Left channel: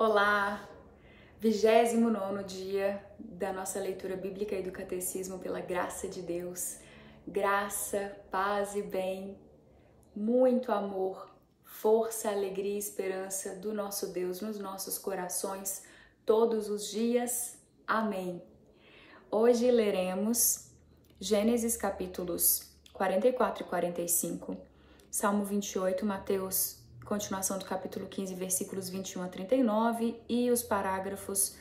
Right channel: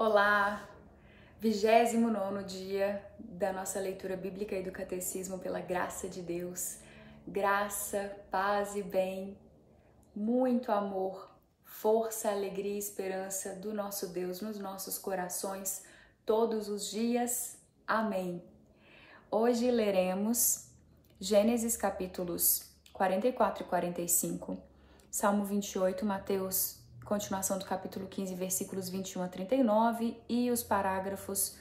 Olá! 29º dia da nossa leitura bíblica e do catecismo pela graça de Deus. Graça, paz e bem, muito amor, força, alegria e esperança do nosso Deus nos nossos corações todos os dias. Amém. Hoje leremos Gênesis capítulos 44 e 45, Salmo 28, Mateus, continuação do capítulo 15, versículos 21 a 39 e os parágrafos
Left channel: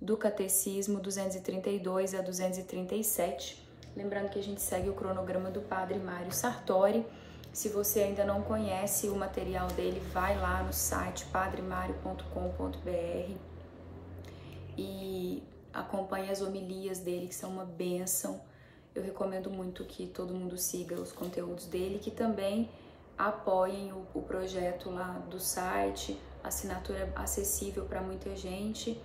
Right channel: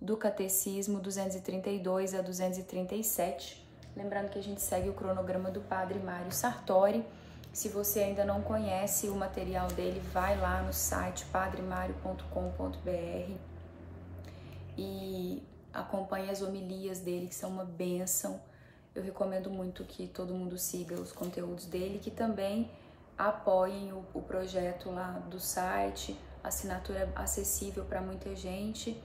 do Catecismo 232 a 237. Lembrando que a gente segue o cronograma do Padre Mário Sartori. Se você ainda não conhece o material dele, vai lá no site padremario.com.br e acompanhe as homilias dele, que são uma bênção. Eu recomendo muito que todo mundo siga os conteúdos dele, que também apoiem o projeto lá do site, assinatura acessível para muita gente,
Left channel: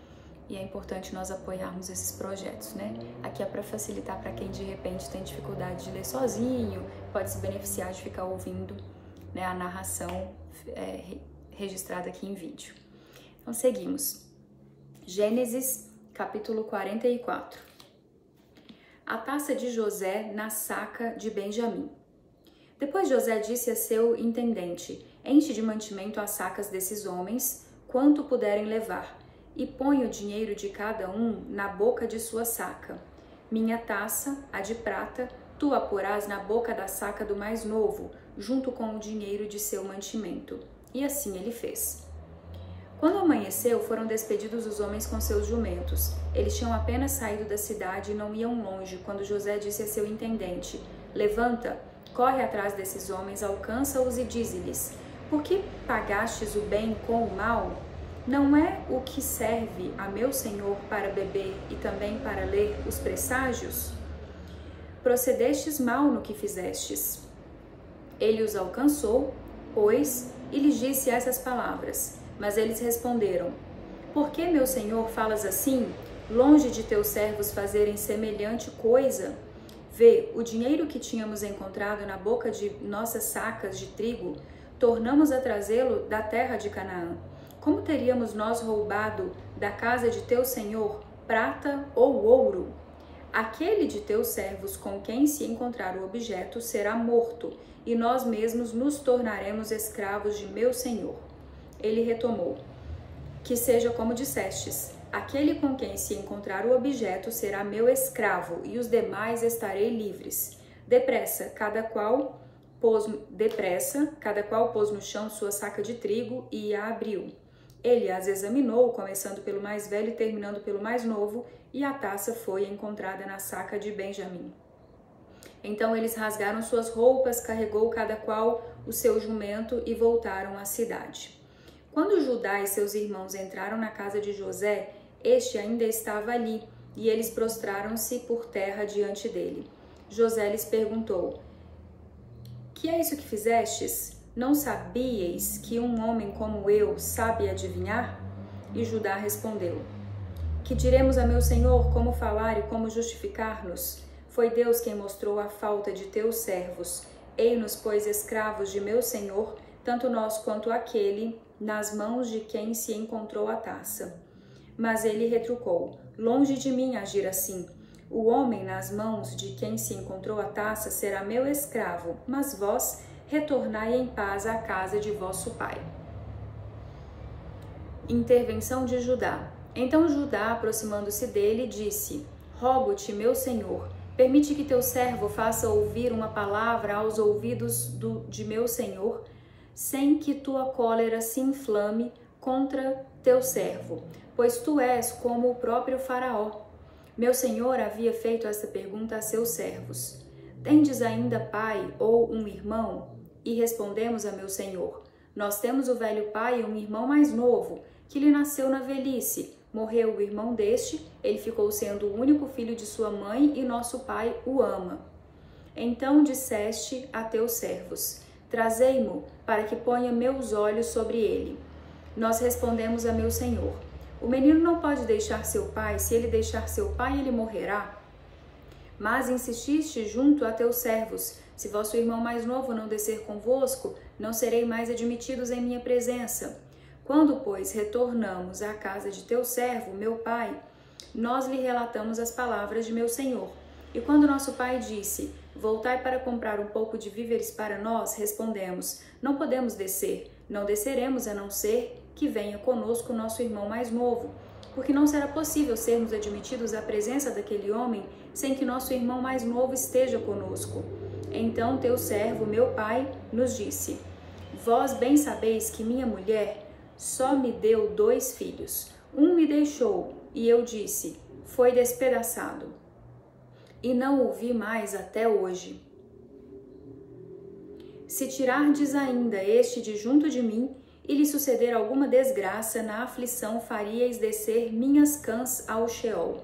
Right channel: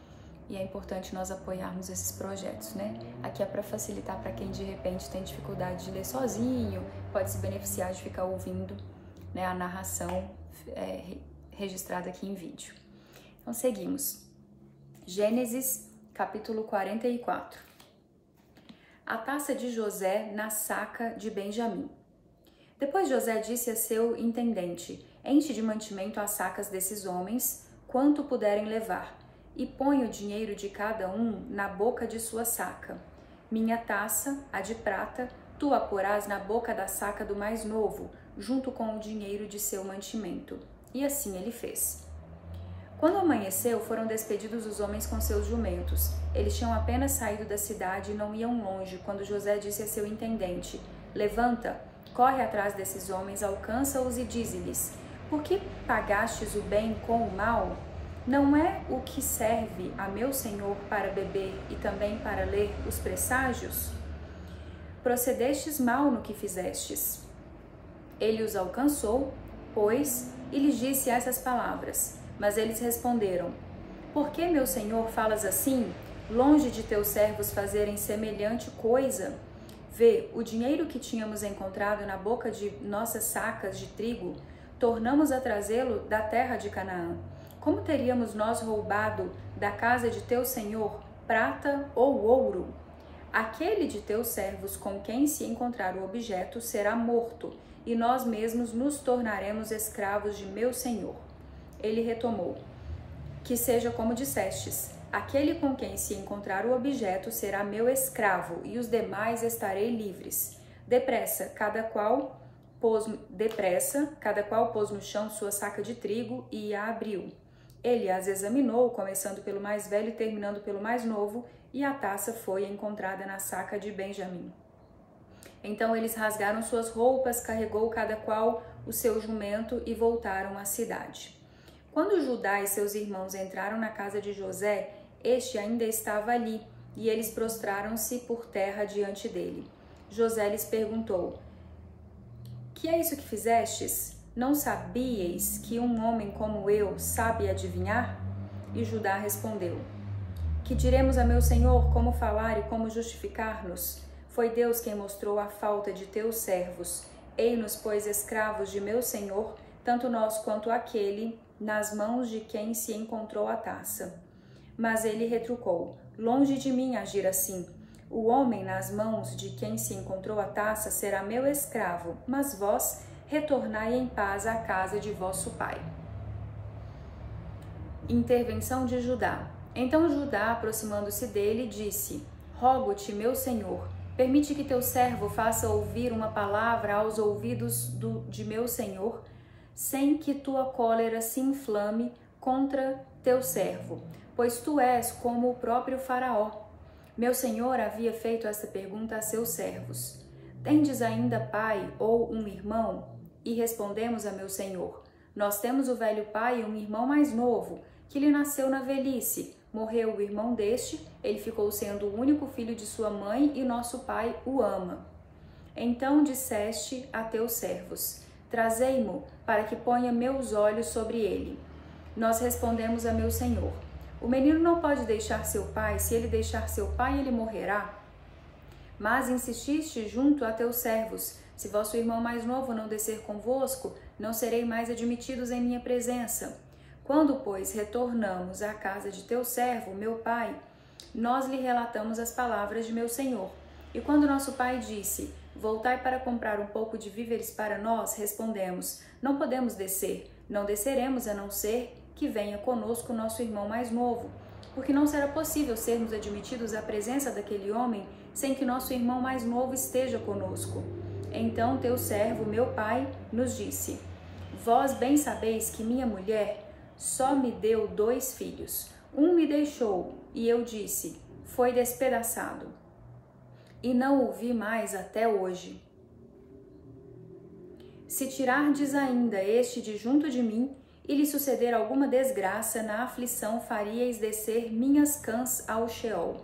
e é importante nós apoiarmos esses projetos, né? Aqui é para facilitar para quem de repente tem dificuldade de ler sozinho, pode se beneficiar de ficar ouvindo, né, a narração registrada aqui em vídeo. Então seguimos. Gênesis capítulo 44. A taça de José na saca de Benjamim. Depois José disse a seu intendente: enche de mantimento as sacas desses homens, quanto puderem levar, e põe o dinheiro de cada um na boca de sua saca. Minha taça, a de prata, tu a porás na boca da saca do mais novo, junto com o dinheiro de seu mantimento. E assim ele fez. Quando amanheceu, foram despedidos os homens com seus jumentos. Eles tinham apenas saído da cidade e não iam longe, quando José disse a seu intendente: levanta, corre atrás desses homens, alcança-os e dize-lhes: por que pagastes o bem com o mal? Não é o que serve a meu senhor para beber e também para ler os presságios? Procedestes mal no que fizestes. Ele os alcançou, pois, e lhes disse essas palavras. Mas eles responderam: por que, meu senhor, falas assim? Longe de teus servos fazerem semelhante coisa? Vê, o dinheiro que tínhamos encontrado na boca de nossas sacas de trigo, tornamos a trazê-lo da terra de Canaã. Como teríamos nós roubado da casa de teu senhor prata ou ouro? Aquele de teus servos com quem se encontrar o objeto será morto, e nós mesmos nos tornaremos escravos de meu senhor. Ele retomou: que seja como dissestes. Aquele com quem se encontrar o objeto será meu escravo, e os demais estarei livres. Depressa, cada qual pôs no chão sua saca de trigo e a abriu. Ele as examinou, começando pelo mais velho e terminando pelo mais novo, e a taça foi encontrada na saca de Benjamim. Então eles rasgaram suas roupas, carregou cada qual o seu jumento e voltaram à cidade. Quando Judá e seus irmãos entraram na casa de José, este ainda estava ali, e eles prostraram-se por terra diante dele. José lhes perguntou: que é isso que fizestes? Não sabíeis que um homem como eu sabe adivinhar? E Judá respondeu: que diremos a meu senhor como falar e como justificar-nos? Foi Deus quem mostrou a falta de teus servos. Ei-nos, pois, escravos de meu senhor, tanto nós quanto aquele, nas mãos de quem se encontrou a taça. Mas ele retrucou: longe de mim agir assim. O homem nas mãos de quem se encontrou a taça será meu escravo, mas vós retornai em paz à casa de vosso pai. Intervenção de Judá. Então Judá, aproximando-se dele, disse: rogo-te, meu senhor, permite que teu servo faça ouvir uma palavra aos ouvidos de meu senhor, sem que tua cólera se inflame contra teu servo, pois tu és como o próprio Faraó. Meu senhor havia feito esta pergunta a seus servos: tendes ainda pai ou um irmão? E respondemos a meu senhor: nós temos o velho pai e um irmão mais novo, que lhe nasceu na velhice. Morreu o irmão deste, ele ficou sendo o único filho de sua mãe e nosso pai o ama. Então disseste a teus servos: trazei-mo, para que ponha meus olhos sobre ele. Nós respondemos a meu senhor: o menino não pode deixar seu pai, se ele deixar seu pai, ele morrerá. Mas insististe junto a teus servos: se vosso irmão mais novo não descer convosco, não serei mais admitidos em minha presença. Quando, pois, retornamos à casa de teu servo, meu pai, nós lhe relatamos as palavras de meu senhor. E quando nosso pai disse, voltai para comprar um pouco de víveres para nós, respondemos, não podemos descer, não desceremos a não ser que venha conosco nosso irmão mais novo, porque não será possível sermos admitidos à presença daquele homem sem que nosso irmão mais novo esteja conosco. Então teu servo, meu pai, nos disse, vós bem sabeis que minha mulher só me deu 2 filhos. Um me deixou, e eu disse, foi despedaçado. E não o vi mais até hoje. Se tirardes ainda este de junto de mim, e lhe suceder alguma desgraça, na aflição faríeis descer minhas cãs ao Sheol.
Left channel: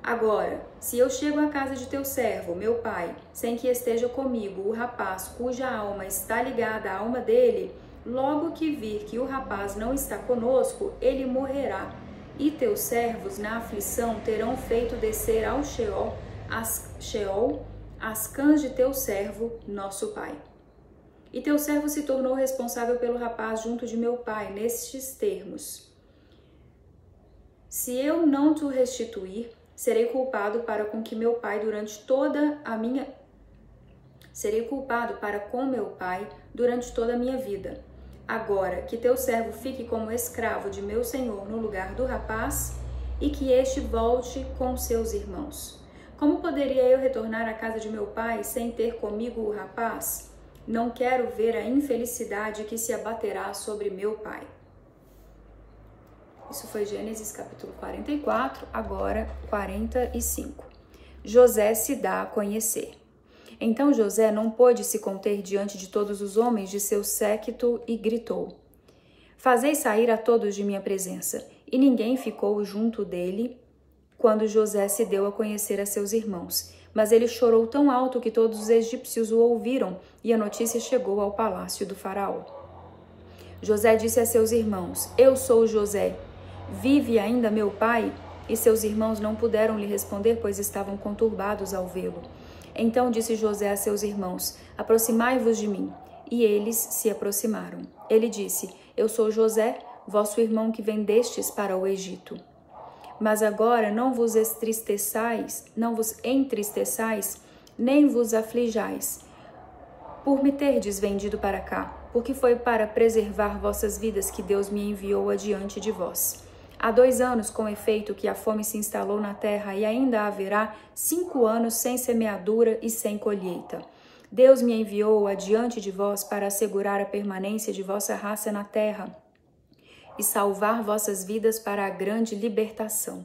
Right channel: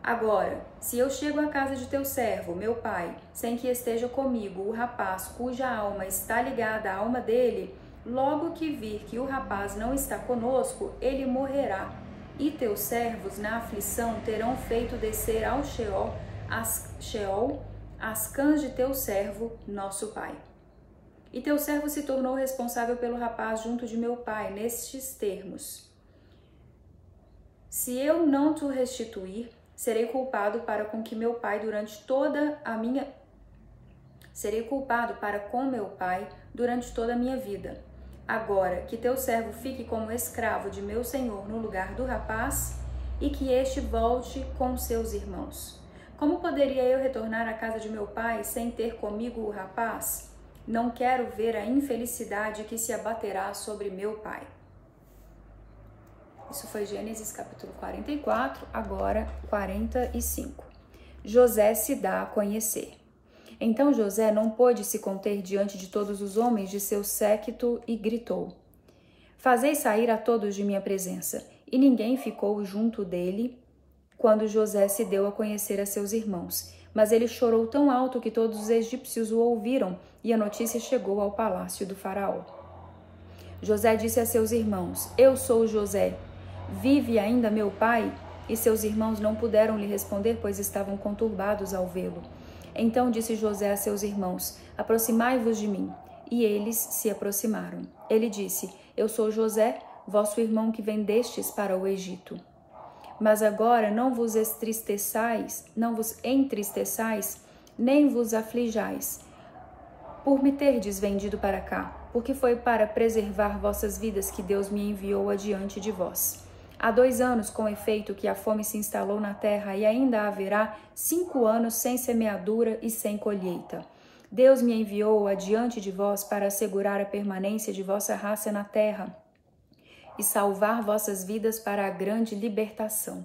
Agora, se eu chego à casa de teu servo, meu pai, sem que esteja comigo o rapaz cuja alma está ligada à alma dele, logo que vir que o rapaz não está conosco, ele morrerá. E teus servos na aflição terão feito descer ao Sheol as cãs de teu servo, nosso pai. E teu servo se tornou responsável pelo rapaz junto de meu pai, nestes termos. Se eu não te restituir, serei culpado para com meu pai durante toda a minha vida. Agora, que teu servo fique como escravo de meu senhor no lugar do rapaz, e que este volte com seus irmãos. Como poderia eu retornar à casa de meu pai sem ter comigo o rapaz? Não quero ver a infelicidade que se abaterá sobre meu pai. Isso foi Gênesis capítulo 44, agora 45. José se dá a conhecer. Então José não pôde se conter diante de todos os homens de seu séquito e gritou, fazei sair a todos de minha presença. E ninguém ficou junto dele quando José se deu a conhecer a seus irmãos. Mas ele chorou tão alto que todos os egípcios o ouviram, e a notícia chegou ao palácio do faraó. José disse a seus irmãos, eu sou José. Vive ainda meu pai? E seus irmãos não puderam lhe responder, pois estavam conturbados ao vê-lo. Então disse José a seus irmãos, aproximai-vos de mim. E eles se aproximaram. Ele disse, eu sou José, vosso irmão que vendestes para o Egito. Mas agora não vos entristeçais, nem vos aflijais, por me terdes vendido para cá, porque foi para preservar vossas vidas que Deus me enviou adiante de vós. Há 2 anos, com efeito, que a fome se instalou na terra, e ainda haverá 5 anos sem semeadura e sem colheita. Deus me enviou adiante de vós para assegurar a permanência de vossa raça na terra e salvar vossas vidas para a grande libertação.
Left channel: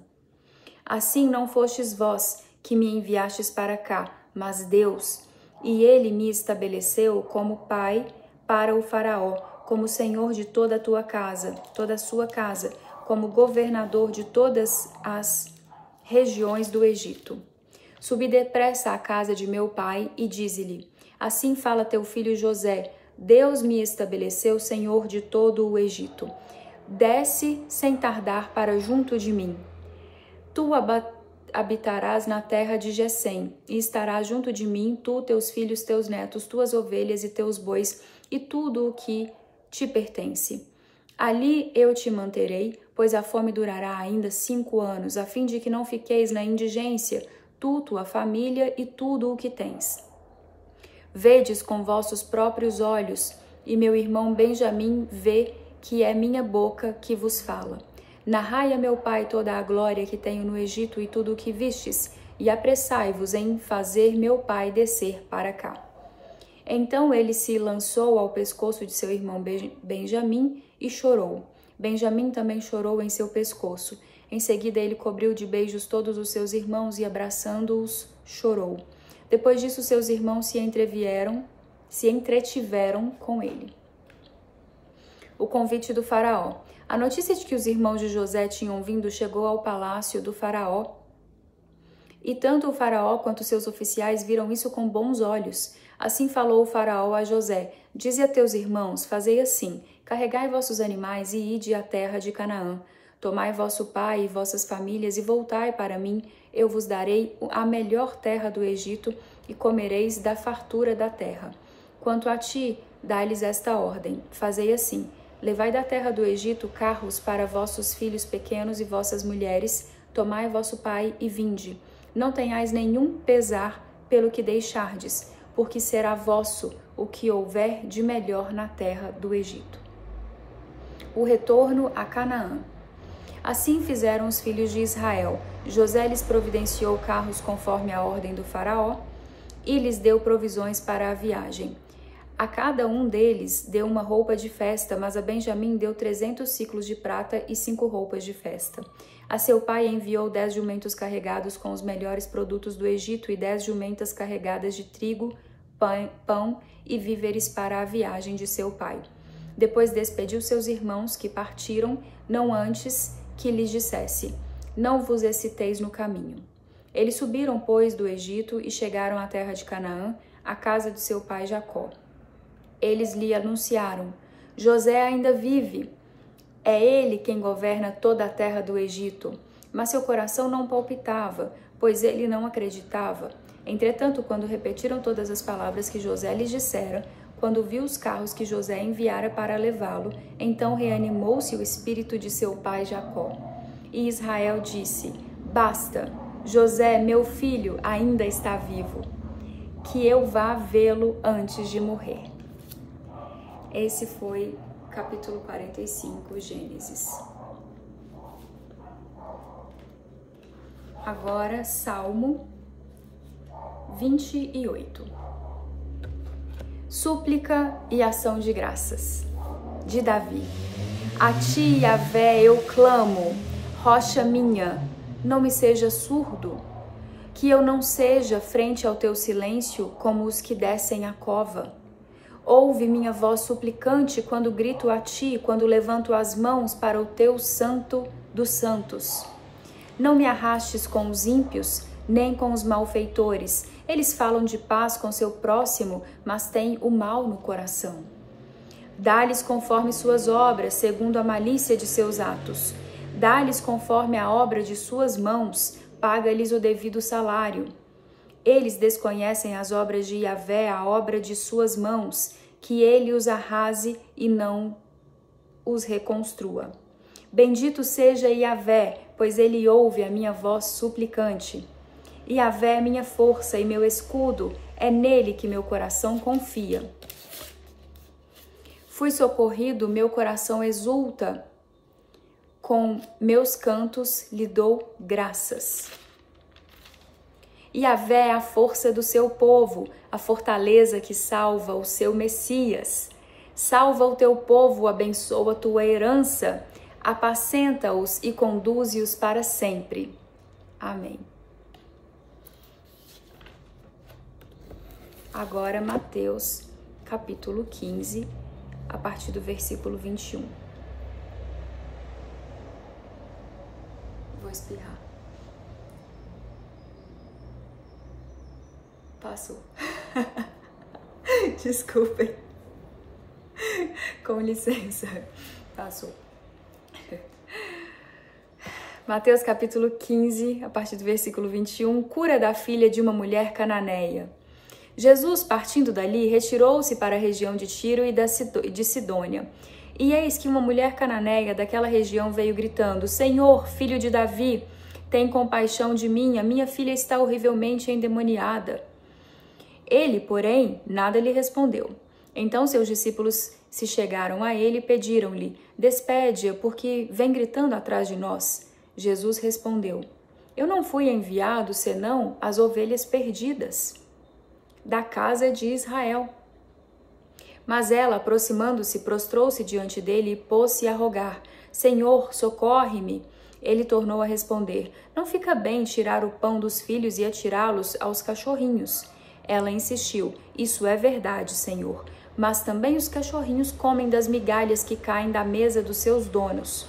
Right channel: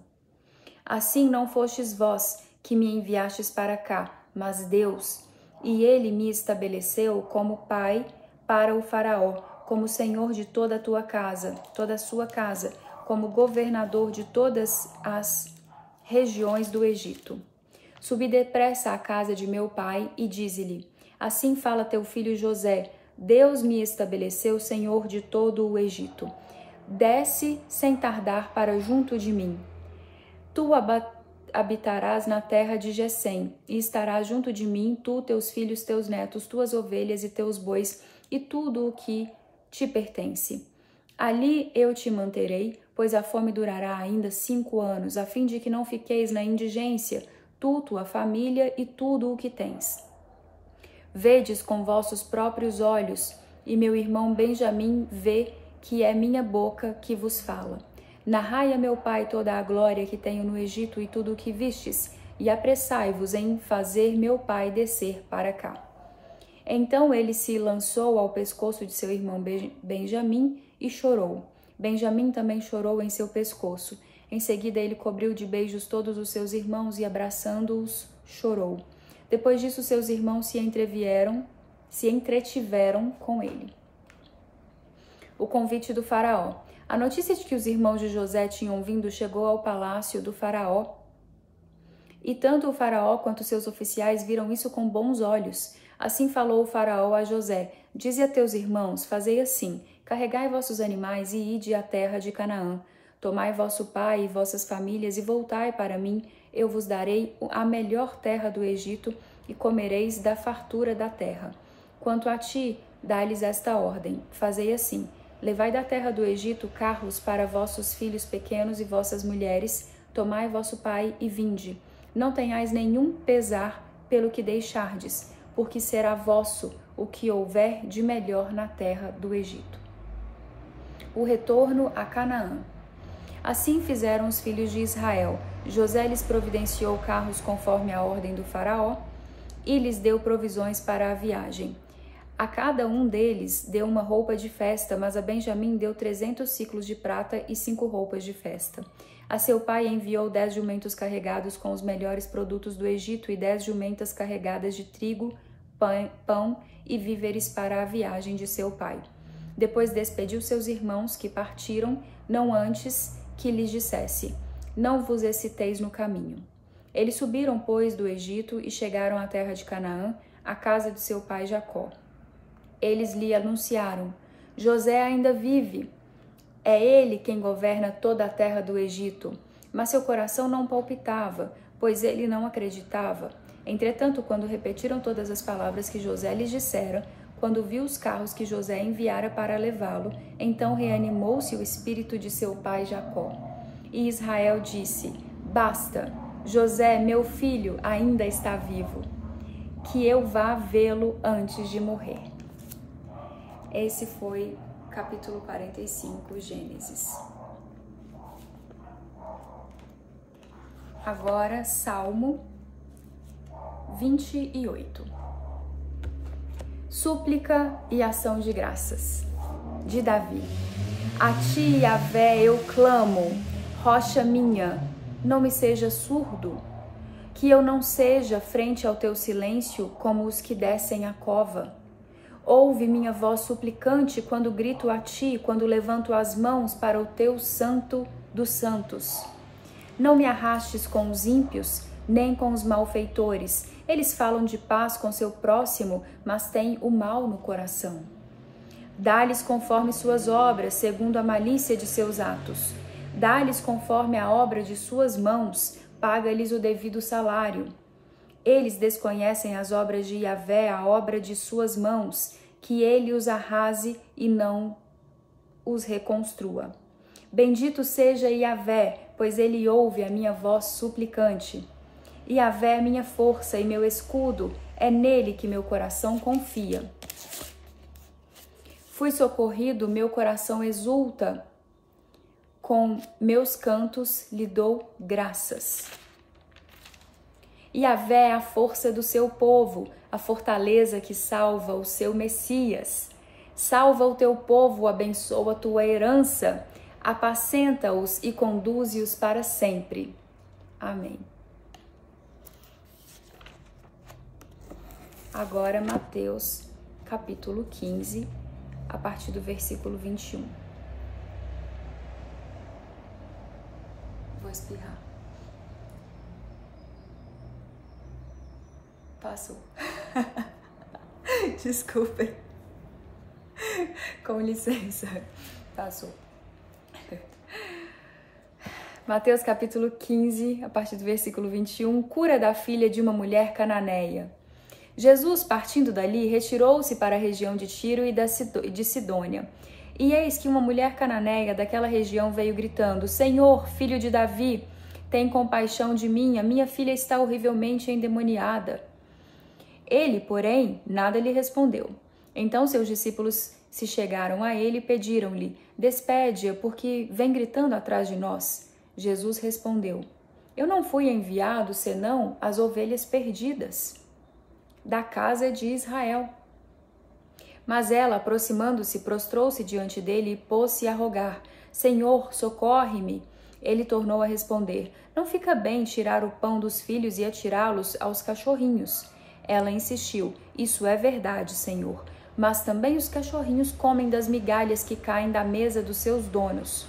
Assim não fostes vós que me enviastes para cá, mas Deus, e ele me estabeleceu como pai para o faraó, como senhor de toda a tua casa, toda a sua casa, como governador de todas as regiões do Egito. Subi depressa à casa de meu pai e dize-lhe, assim fala teu filho José, Deus me estabeleceu senhor de todo o Egito. Desce sem tardar para junto de mim. Tu habitarás na terra de Gesem, e estarás junto de mim, tu, teus filhos, teus netos, tuas ovelhas e teus bois, e tudo o que te pertence. Ali eu te manterei, pois a fome durará ainda 5 anos, a fim de que não fiqueis na indigência, tu, tua família e tudo o que tens. Vedes com vossos próprios olhos, e meu irmão Benjamim vê que é minha boca que vos fala. Narrai a meu pai toda a glória que tenho no Egito e tudo o que vistes, e apressai-vos em fazer meu pai descer para cá. Então ele se lançou ao pescoço de seu irmão Benjamim e chorou. Benjamim também chorou em seu pescoço. Em seguida ele cobriu de beijos todos os seus irmãos e, abraçando-os, chorou. Depois disso seus irmãos se entretiveram com ele. O convite do faraó. A notícia de que os irmãos de José tinham vindo chegou ao palácio do faraó. E tanto o faraó quanto seus oficiais viram isso com bons olhos. Assim falou o faraó a José, dize a teus irmãos, fazei assim, carregai vossos animais e ide à terra de Canaã. Tomai vosso pai e vossas famílias e voltai para mim, eu vos darei a melhor terra do Egito e comereis da fartura da terra. Quanto a ti, dá-lhes esta ordem, fazei assim, Levai da terra do Egito carros para vossos filhos pequenos e vossas mulheres, tomai vosso pai e vinde. Não tenhais nenhum pesar pelo que deixardes, porque será vosso o que houver de melhor na terra do Egito. O retorno a Canaã. Assim fizeram os filhos de Israel. José lhes providenciou carros conforme a ordem do faraó e lhes deu provisões para a viagem. A cada um deles deu uma roupa de festa, mas a Benjamim deu 300 ciclos de prata e 5 roupas de festa. A seu pai enviou 10 jumentos carregados com os melhores produtos do Egito e 10 jumentas carregadas de trigo, pão e víveres para a viagem de seu pai. Depois despediu seus irmãos que partiram, não antes que lhes dissesse: não vos exciteis no caminho. Eles subiram, pois, do Egito e chegaram à terra de Canaã, à casa de seu pai Jacó. Eles lhe anunciaram: José ainda vive. É ele quem governa toda a terra do Egito. Mas seu coração não palpitava, pois ele não acreditava. Entretanto, quando repetiram todas as palavras que José lhes dissera, quando viu os carros que José enviara para levá-lo, então reanimou-se o espírito de seu pai Jacó. E Israel disse: basta, José, meu filho, ainda está vivo, que eu vá vê-lo antes de morrer. Esse foi capítulo 45, Gênesis. Agora, Salmo 28. Súplica e ação de graças, de Davi. A ti, Yahvé, eu clamo, rocha minha, não me seja surdo, que eu não seja frente ao teu silêncio como os que descem a cova. Ouve minha voz suplicante quando grito a ti, quando levanto as mãos para o teu santo dos santos. Não me arrastes com os ímpios, nem com os malfeitores. Eles falam de paz com seu próximo, mas têm o mal no coração. Dá-lhes conforme suas obras, segundo a malícia de seus atos. Dá-lhes conforme a obra de suas mãos, paga-lhes o devido salário. Eles desconhecem as obras de Yahvé, a obra de suas mãos, que ele os arrase e não os reconstrua. Bendito seja Yahvé, pois ele ouve a minha voz suplicante. Yahvé é minha força e meu escudo, é nele que meu coração confia. Fui socorrido, meu coração exulta, com meus cantos lhe dou graças. Yahvé é a força do seu povo, a fortaleza que salva o seu Messias. Salva o teu povo, abençoa a tua herança, apacenta-os e conduze-os para sempre. Amém. Agora, Mateus, capítulo 15, a partir do versículo 21. Vou espirrar. Passou. Desculpem. Com licença. Passou. Mateus capítulo 15, a partir do versículo 21, cura da filha de uma mulher cananeia. Jesus, partindo dali, retirou-se para a região de Tiro e de Sidônia. E eis que uma mulher cananeia daquela região veio gritando: Senhor, filho de Davi, tem compaixão de mim, a minha filha está horrivelmente endemoniada. Ele, porém, nada lhe respondeu. Então seus discípulos se chegaram a ele e pediram-lhe: despede-a, porque vem gritando atrás de nós. Jesus respondeu: eu não fui enviado senão as ovelhas perdidas da casa de Israel. Mas ela, aproximando-se, prostrou-se diante dele e pôs-se a rogar: Senhor, socorre-me. Ele tornou a responder: não fica bem tirar o pão dos filhos e atirá-los aos cachorrinhos. Ela insistiu: isso é verdade, Senhor, mas também os cachorrinhos comem das migalhas que caem da mesa dos seus donos.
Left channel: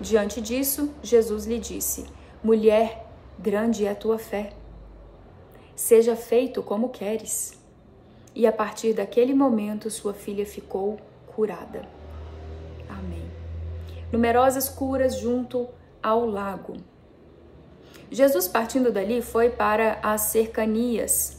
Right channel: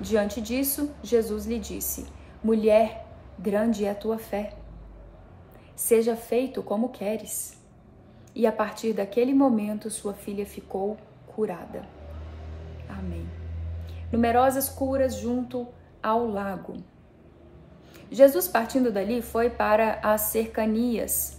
Diante disso, Jesus lhe disse: mulher, grande é a tua fé. Seja feito como queres. E a partir daquele momento, sua filha ficou curada. Amém. Numerosas curas junto ao lago. Jesus, partindo dali, foi para as cercanias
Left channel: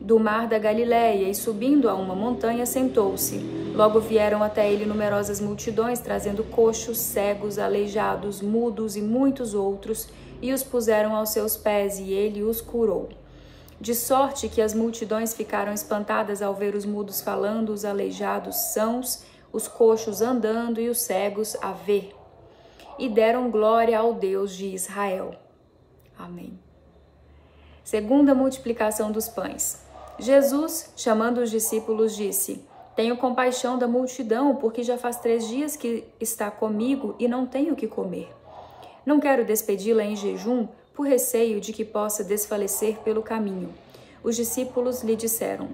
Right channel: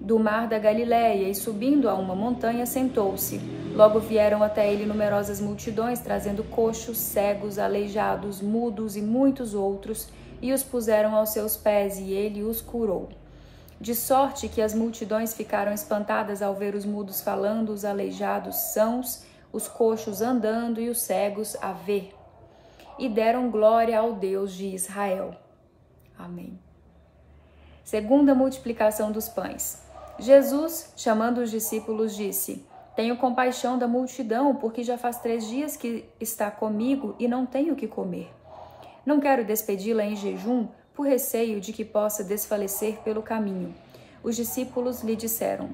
do mar da Galileia, e subindo a uma montanha, sentou-se. Logo vieram até ele numerosas multidões, trazendo coxos, cegos, aleijados, mudos e muitos outros, e os puseram aos seus pés, e ele os curou. De sorte que as multidões ficaram espantadas ao ver os mudos falando, os aleijados sãos, os coxos andando e os cegos a ver. E deram glória ao Deus de Israel. Amém. Segunda multiplicação dos pães. Jesus, chamando os discípulos, disse: Tenho compaixão da multidão, porque já faz 3 dias que está comigo e não tenho o que comer. Não quero despedi-la em jejum, por receio de que possa desfalecer pelo caminho. Os discípulos lhe disseram:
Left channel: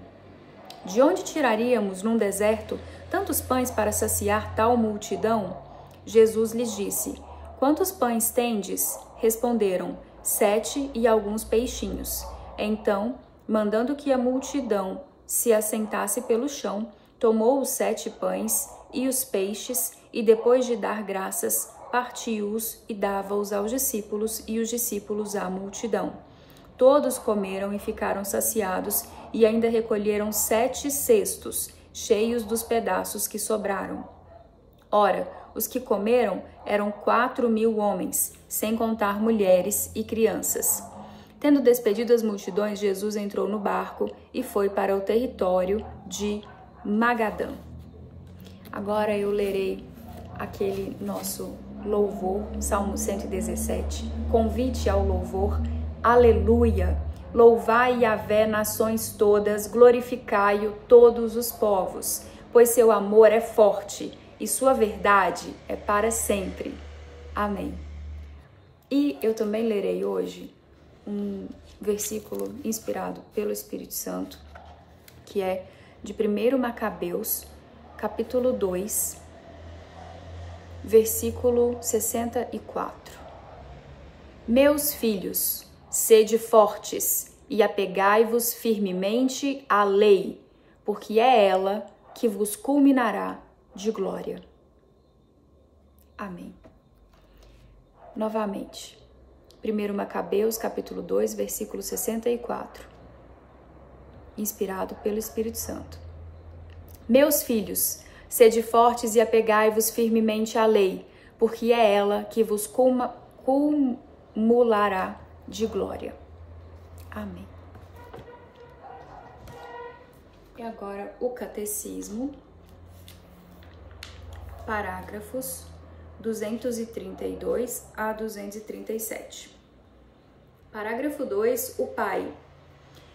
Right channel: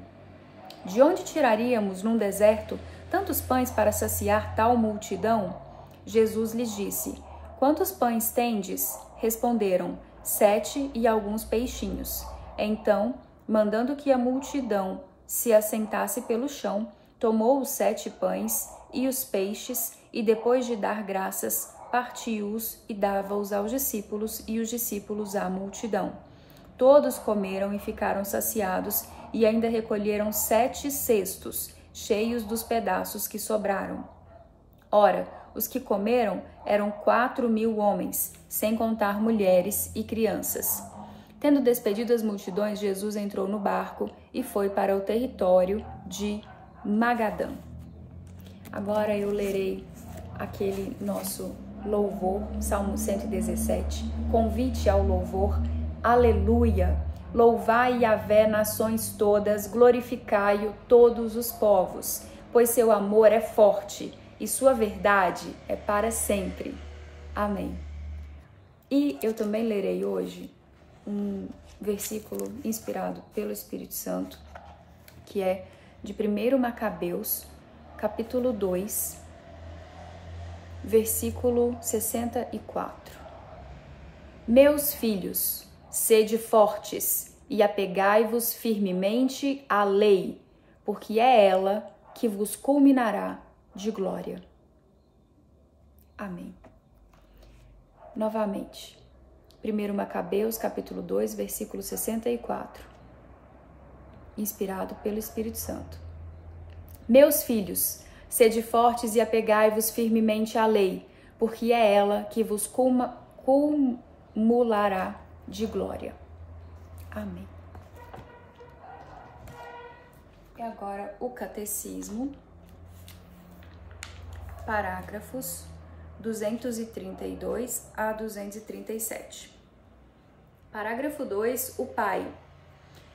De onde tiraríamos num deserto tantos pães para saciar tal multidão? Jesus lhes disse: Quantos pães tendes? Responderam: 7 e alguns peixinhos. Então, mandando que a multidão se assentasse pelo chão, tomou os 7 pães e os peixes, e depois de dar graças, partiu-os e dava-os aos discípulos, e os discípulos à multidão. Todos comeram e ficaram saciados, e ainda recolheram 7 cestos, cheios dos pedaços que sobraram. Ora, os que comeram eram 4.000 homens, sem contar mulheres e crianças. Tendo despedido as multidões, Jesus entrou no barco e foi para o território de Magadã. Agora eu lerei aquele nosso louvor, Salmo 117. Convite ao louvor, aleluia! Louvai Yahvé, nações todas, glorificai-o todos os povos, pois seu amor é forte e sua verdade é para sempre. Amém. E eu também lerei hoje um versículo inspirado pelo Espírito Santo, que é de 1 Macabeus, capítulo 2, versículo 64. Meus filhos, sede fortes e apegai-vos firmemente à lei, porque é ela que vos culminará de glória. Amém. Novamente, 1 Macabeus, capítulo 2, versículo 64, inspirado pelo Espírito Santo. Meus filhos, sede fortes e apegai-vos firmemente à lei, porque é ela que vos cumulará de glória. Amém. E agora o catecismo, parágrafos 232 a 237. Parágrafo 2, o Pai.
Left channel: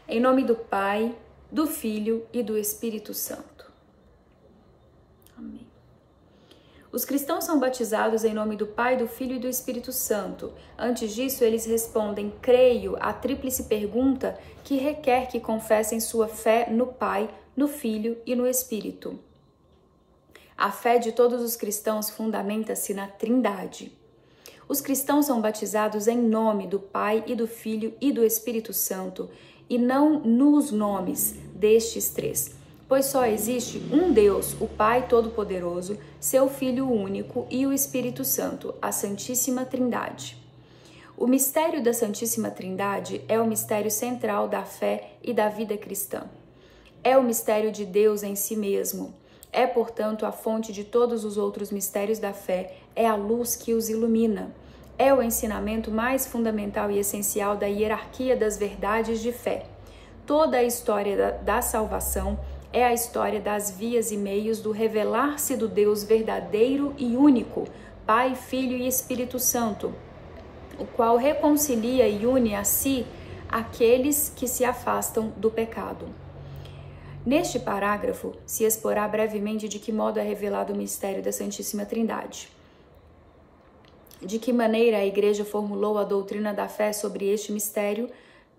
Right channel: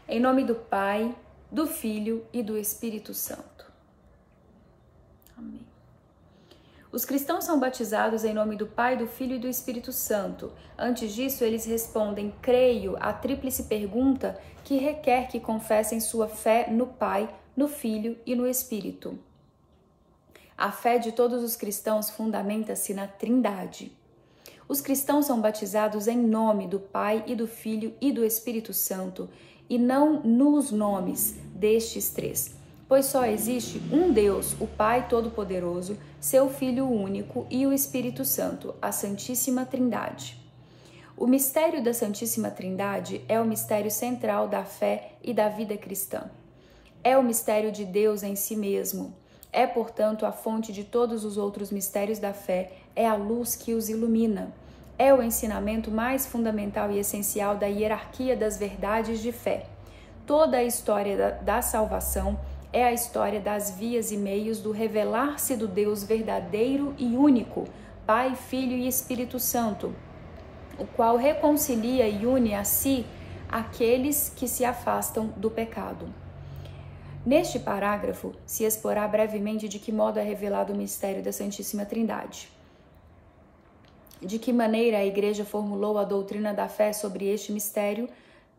Em nome do Pai, do Filho e do Espírito Santo. Amém. Os cristãos são batizados em nome do Pai, do Filho e do Espírito Santo. Antes disso, eles respondem, creio, à tríplice pergunta que requer que confessem sua fé no Pai, no Filho e no Espírito. A fé de todos os cristãos fundamenta-se na Trindade. Os cristãos são batizados em nome do Pai e do Filho e do Espírito Santo, e não nos nomes destes 3, pois só existe um Deus, o Pai Todo-Poderoso, seu Filho único e o Espírito Santo, a Santíssima Trindade. O mistério da Santíssima Trindade é o mistério central da fé e da vida cristã. É o mistério de Deus em si mesmo. É, portanto, a fonte de todos os outros mistérios da fé, é a luz que os ilumina. É o ensinamento mais fundamental e essencial da hierarquia das verdades de fé. Toda a história da salvação é a história das vias e meios do revelar-se do Deus verdadeiro e único, Pai, Filho e Espírito Santo, o qual reconcilia e une a si aqueles que se afastam do pecado. Neste parágrafo, se explorará brevemente de que modo é revelado o mistério da Santíssima Trindade. De que maneira a Igreja formulou a doutrina da fé sobre este mistério,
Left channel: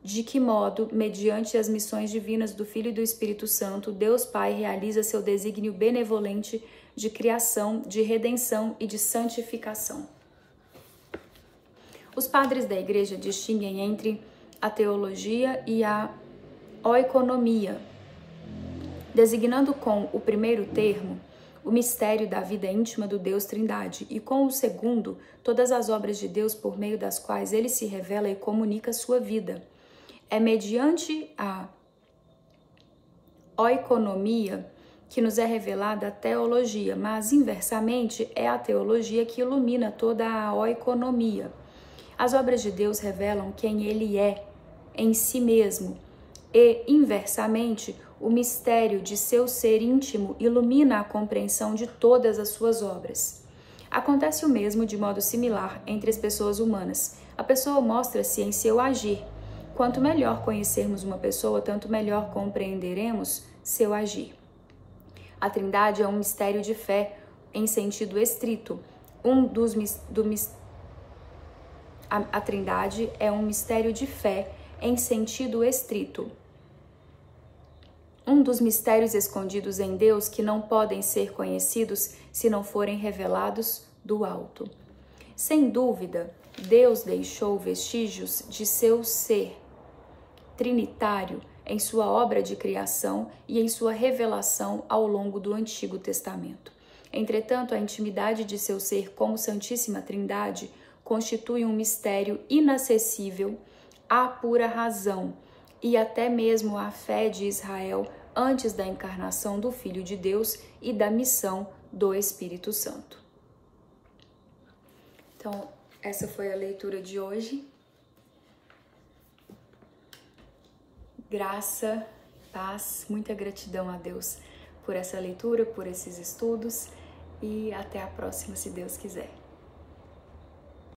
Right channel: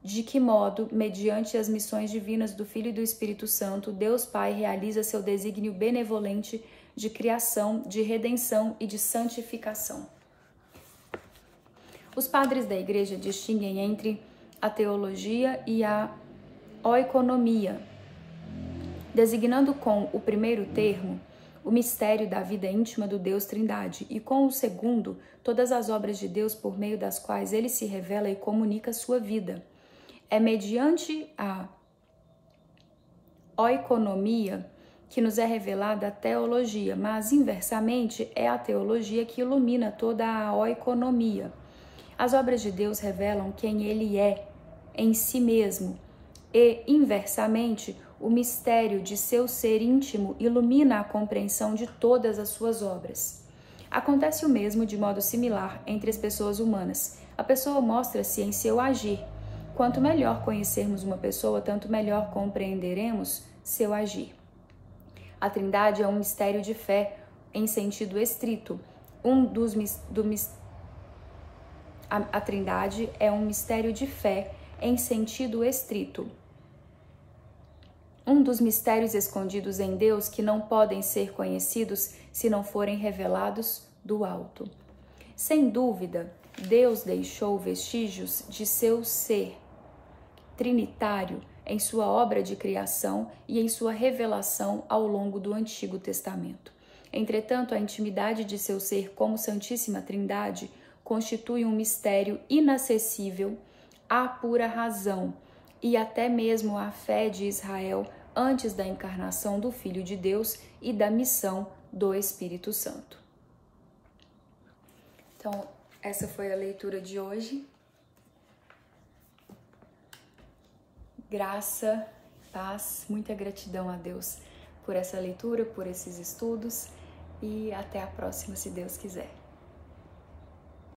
de que modo, mediante as missões divinas do Filho e do Espírito Santo, Deus Pai realiza seu desígnio benevolente de criação, de redenção e de santificação. Os padres da Igreja distinguem entre a teologia e a oikonomia, designando com o primeiro termo o mistério da vida íntima do Deus Trindade, e com o segundo, todas as obras de Deus por meio das quais ele se revela e comunica a sua vida. É mediante a oikonomia que nos é revelada a teologia, mas inversamente é a teologia que ilumina toda a oikonomia. As obras de Deus revelam quem Ele é em si mesmo e, inversamente, o mistério de seu ser íntimo ilumina a compreensão de todas as suas obras. Acontece o mesmo de modo similar entre as pessoas humanas. A pessoa mostra-se em seu agir. Quanto melhor conhecermos uma pessoa, tanto melhor compreenderemos seu agir. A Trindade é um mistério de fé em sentido estrito. A Trindade é um mistério de fé em sentido estrito. Um dos mistérios escondidos em Deus que não podem ser conhecidos se não forem revelados do alto. Sem dúvida, Deus deixou vestígios de seu ser trinitário em sua obra de criação e em sua revelação ao longo do Antigo Testamento. Entretanto, a intimidade de seu ser como Santíssima Trindade constitui um mistério inacessível à pura razão e até mesmo à fé de Israel antes da encarnação do Filho de Deus e da missão do Espírito Santo. Então, essa foi a leitura de hoje. Graça, paz, muita gratidão a Deus por essa leitura, por esses estudos e até a próxima, se Deus quiser.